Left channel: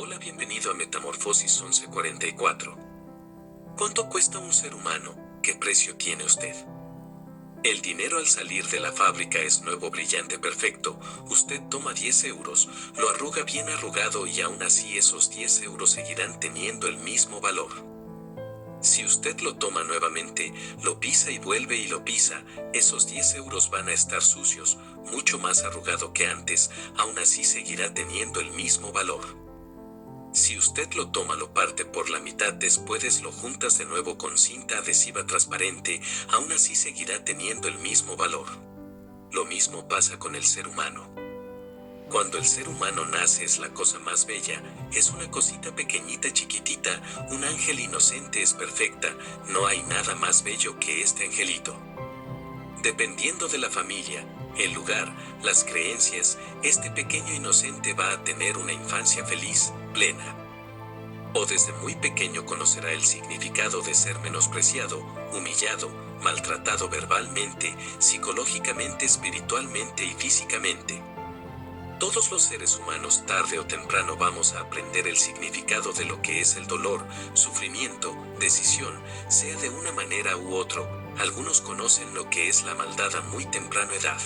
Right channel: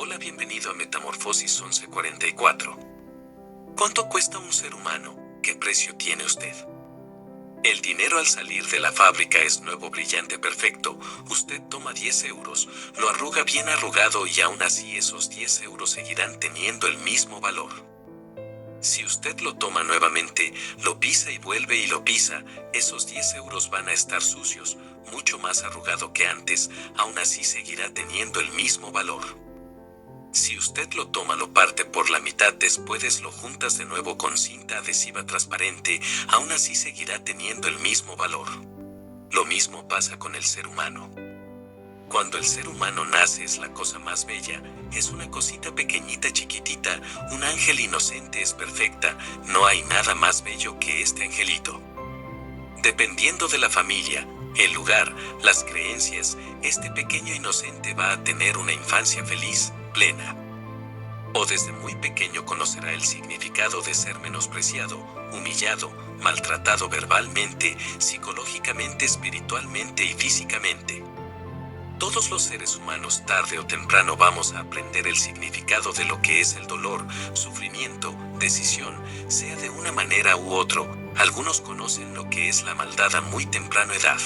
Hola, bienvenido a Metamorfosis 1144. ¿Cuánto cuesta un ser humano? ¿Qué precio tiene usted? El dinero al salir de la fábrica es nuevo, brillante, perfecto. Usted toma 10 euros, lo arruga bien arrugado y aún así esos 10 euros seguirán teniendo el mismo valor. Si usted lo toma nuevamente, lo pisa y vuelve y lo pisa, esos 10 euros van a estar sucios, mucho más arrugado que antes, aún así seguirá teniendo el mismo valor. Si usted lo toma, lo parte por la mitad, después lo juntas de nuevo con cinta adhesiva transparente, aún así seguirá teniendo el mismo valor. Lo mismo pasa con el ser humano. Cuando el ser humano nace es la cosa más bella, es una cosita pequeñita, chiquitita, un ángel inocente, es perfecta, no hay nada más bello que este angelito. Dependiendo de la familia, el lugar, las creencias, este pequeño inocente va a tener una infancia feliz, plena. O desde muy pequeño conocerá el significado de ser menospreciado, humillado, maltratado verbalmente, psicológicamente, espiritualmente y físicamente. Todos los seres humanos tarde o temprano vamos a aprender el significado de lo que es el dolor, sufrimiento, decisión, sea de una manera u otro. Algunos conocen lo que es la maldad a muy temprana edad.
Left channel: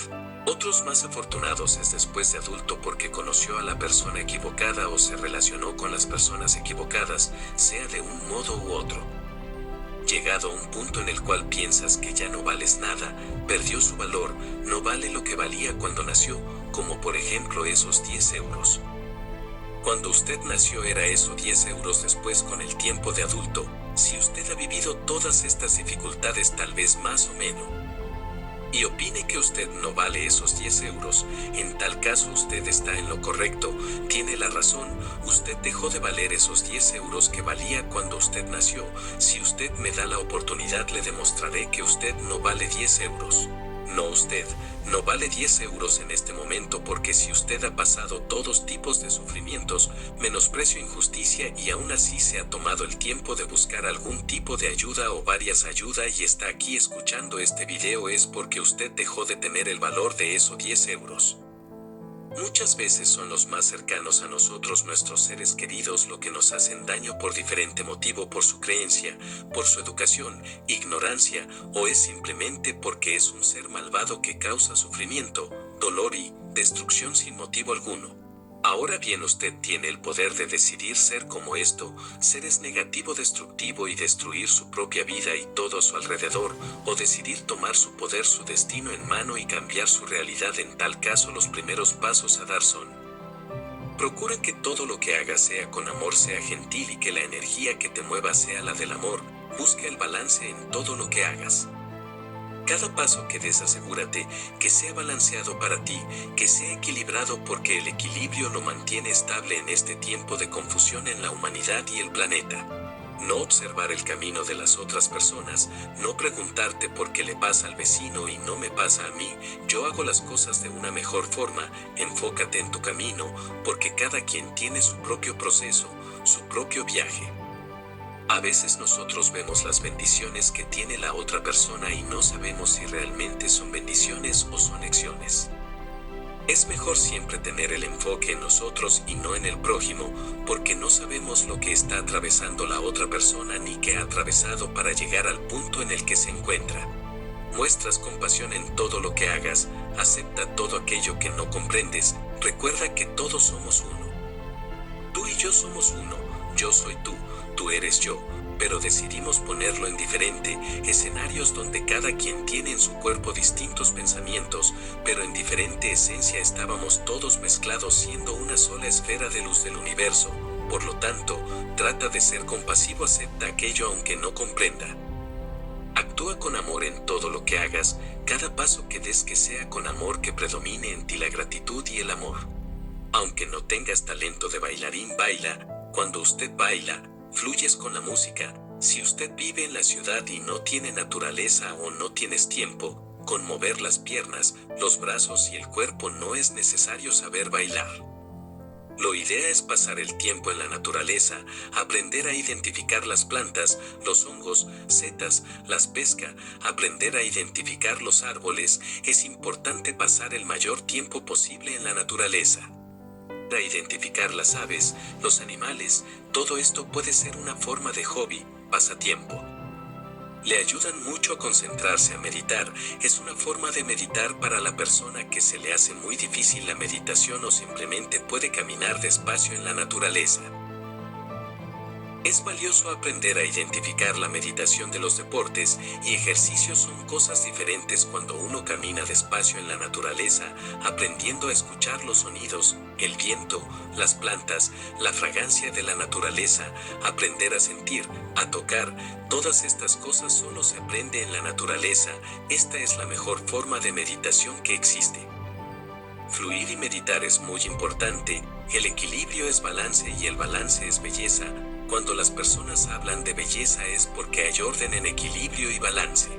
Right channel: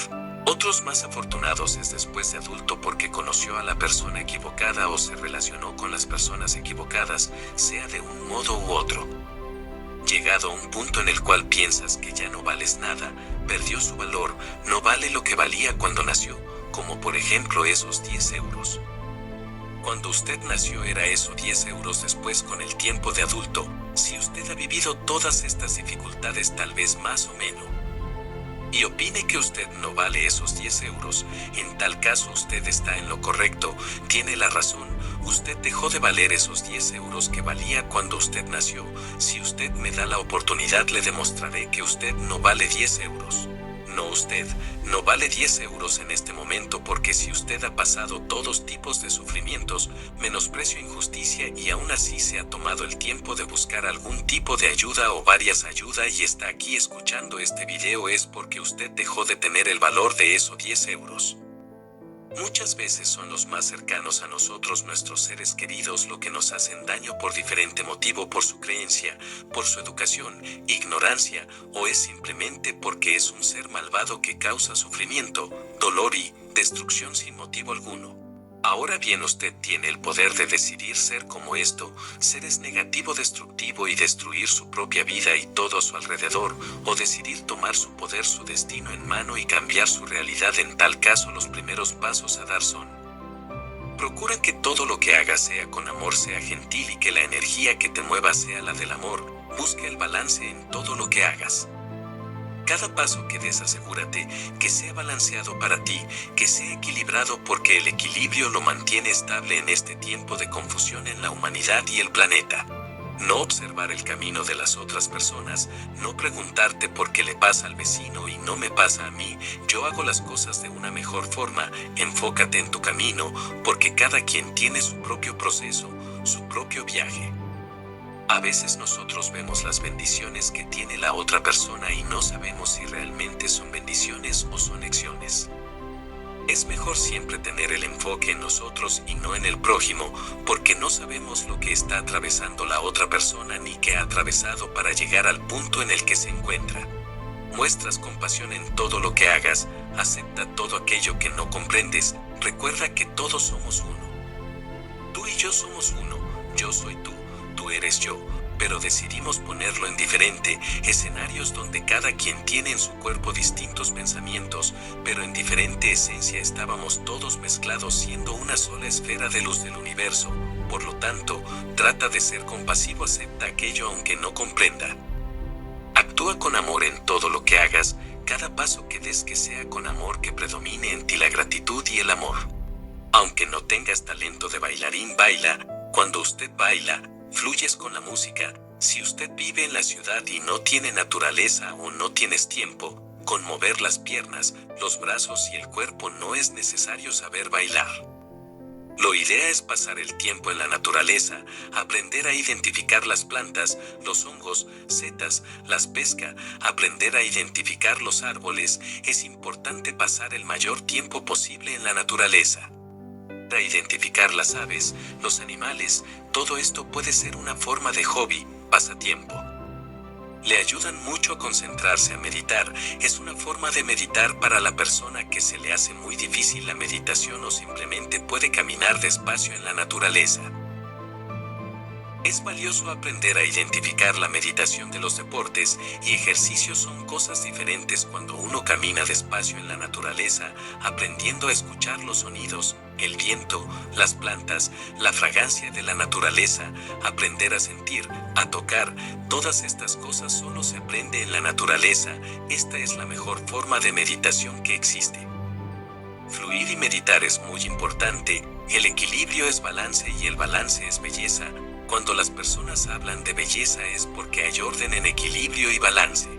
Otros, más afortunados, es después de adulto porque conoció a la persona equivocada o se relacionó con las personas equivocadas, sea de un modo u otro. Llegado a un punto en el cual piensas que ya no vales nada, perdió su valor, no vale lo que valía cuando nació, como por ejemplo esos 10 euros. Cuando usted nació era esos 10 euros, después con el tiempo de adulto, si usted ha vivido todas estas dificultades tal vez más o menos, y opine que usted no vale esos 10 euros, en tal caso usted está en lo correcto, tiene la razón, usted dejó de valer esos 10 euros que valía cuando usted nació. Si usted me da la oportunidad le demostraré que usted no vale 10 euros. No, usted no vale 10 euros en este momento, porque si usted ha pasado todos tipos de sufrimientos, menosprecio, injusticia y aún así se ha tomado el tiempo de buscar algún tipo de ayuda o varias ayudas y está aquí escuchando este video, es porque usted dejó de tener el valor de esos 10 euros. Muchas veces son los más cercanos a nosotros, nuestros seres queridos, lo que nos hacen daño por diferente motivo, por su creencia, por su educación, ignorancia, o es simplemente porque es un ser malvado que causa sufrimiento, dolor y destrucción sin motivo alguno. Ahora bien, usted tiene el poder de decidir ser como esto, seres negativo, destructivo y destruir su propia vida y todo a su alrededor, o decidir tomar su poder, su destino en mano y cambiar su realidad. En tal caso, los primeros pasos a dar son: procura que todo lo que hagas sea con amor, sea gentil y que la energía que te mueva sea la del amor. Busca el balance en todo lo que hagas. Cada paso que des, asegúrate que sea balanceado para ti, que sea equilibrado, porque el equilibrio lo mantiene estable en este tiempo de confusión en la humanidad y el planeta. No observar el camino de las otras personas, no preguntarte por qué le pasa al vecino y no me pasa a mí, yo hago las cosas de una mejor forma. Enfócate en tu camino, porque cada quien tiene su propio proceso, su propio viaje. A veces nosotros vemos las bendiciones que tiene la otra persona y no sabemos si realmente son bendiciones o son lecciones. Es mejor siempre tener el enfoque en nosotros y no en el prójimo, porque no sabemos lo que está atravesando la otra persona ni qué ha atravesado para llegar al punto en el que se encuentra. Muestras compasión en todo lo que hagas, acepta todo aquello que no comprendes, recuerda que todos somos uno. Tú y yo somos uno, yo soy tú, tú eres yo, pero decidimos ponerlo en diferentes escenarios donde cada quien tiene en su cuerpo distintos pensamientos, pero en diferente esencia estábamos todos mezclados siendo una sola esfera de luz del universo. Por lo tanto, trata de ser compasivo, acepta aquello aunque no comprenda. Actúa con amor en todo lo que hagas, cada paso que des que sea con amor, que predomine en ti la gratitud y el amor. Aunque no tengas talento de bailarín, baila. Cuando usted baila, fluyes con la música. Si usted vive en la ciudad y no tiene naturaleza o no tienes tiempo, con mover las piernas, los brazos y el cuerpo no es necesario saber bailar. Lo idea es pasar el tiempo en la naturaleza, aprender a identificar las plantas, los hongos, setas, las pesca, aprender a identificar los árboles. Es importante pasar el mayor tiempo posible en la naturaleza. a identificar las aves, los animales, todo esto puede ser una forma de hobby, pasatiempo. Le ayudan mucho a concentrarse a meditar, es una forma de meditar para la persona que se le hace muy difícil la meditación o simplemente puede caminar despacio en la naturaleza. Es valioso aprender a identificar la meditación de los deportes y ejercicios son cosas diferentes cuando uno camina despacio en la naturaleza, aprendiendo a escuchar los sonidos, el viento, las plantas, la fragancia de la naturaleza, aprender a sentir, a tocar, todas estas cosas solo se aprende en la naturaleza, esta es la mejor forma de meditación que existe. Fluir y meditar es muy importante, el equilibrio es balance y el balance es belleza. Cuando las personas hablan de belleza es porque hay orden en equilibrio y balance.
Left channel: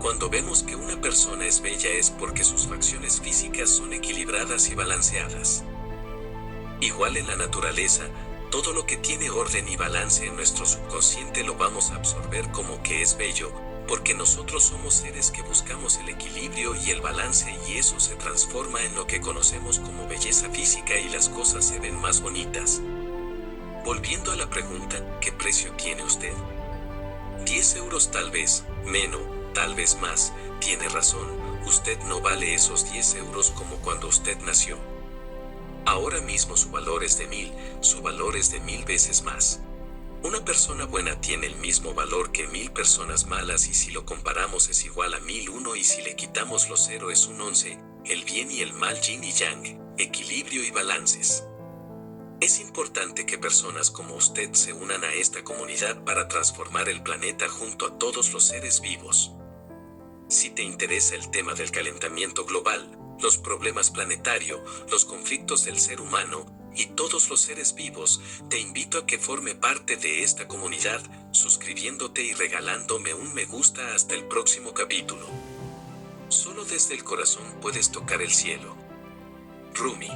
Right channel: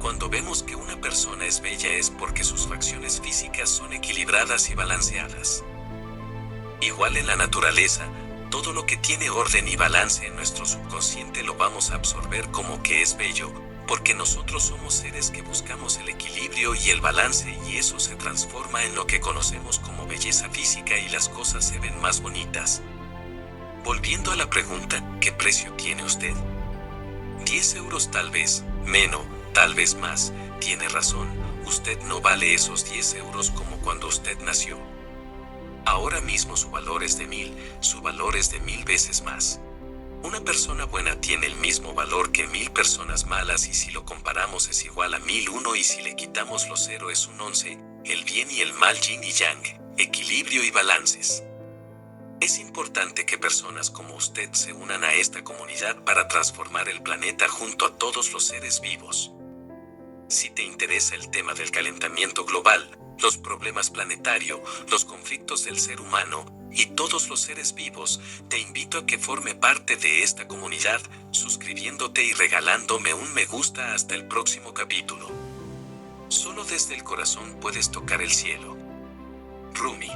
Cuando vemos que una persona es bella es porque sus facciones físicas son equilibradas y balanceadas. Igual en la naturaleza, todo lo que tiene orden y balance en nuestro subconsciente lo vamos a absorber como que es bello, porque nosotros somos seres que buscamos el equilibrio y el balance y eso se transforma en lo que conocemos como belleza física y las cosas se ven más bonitas. Volviendo a la pregunta, ¿qué precio tiene usted? 10 euros tal vez, menos, tal vez más, tiene razón, usted no vale esos 10 euros como cuando usted nació. Ahora mismo su valor es de 1000, su valor es de 1000 veces más. Una persona buena tiene el mismo valor que 1000 personas malas y si lo comparamos es igual a 1001 y si le quitamos los 0 es un 11, el bien y el mal yin y yang, equilibrio y balances. Es importante que personas como usted se unan a esta comunidad para transformar el planeta junto a todos los seres vivos. Si te interesa el tema del calentamiento global, los problemas planetarios, los conflictos del ser humano y todos los seres vivos, te invito a que forme parte de esta comunidad, suscribiéndote y regalándome un me gusta hasta el próximo capítulo. Solo desde el corazón puedes tocar el cielo. Rumi.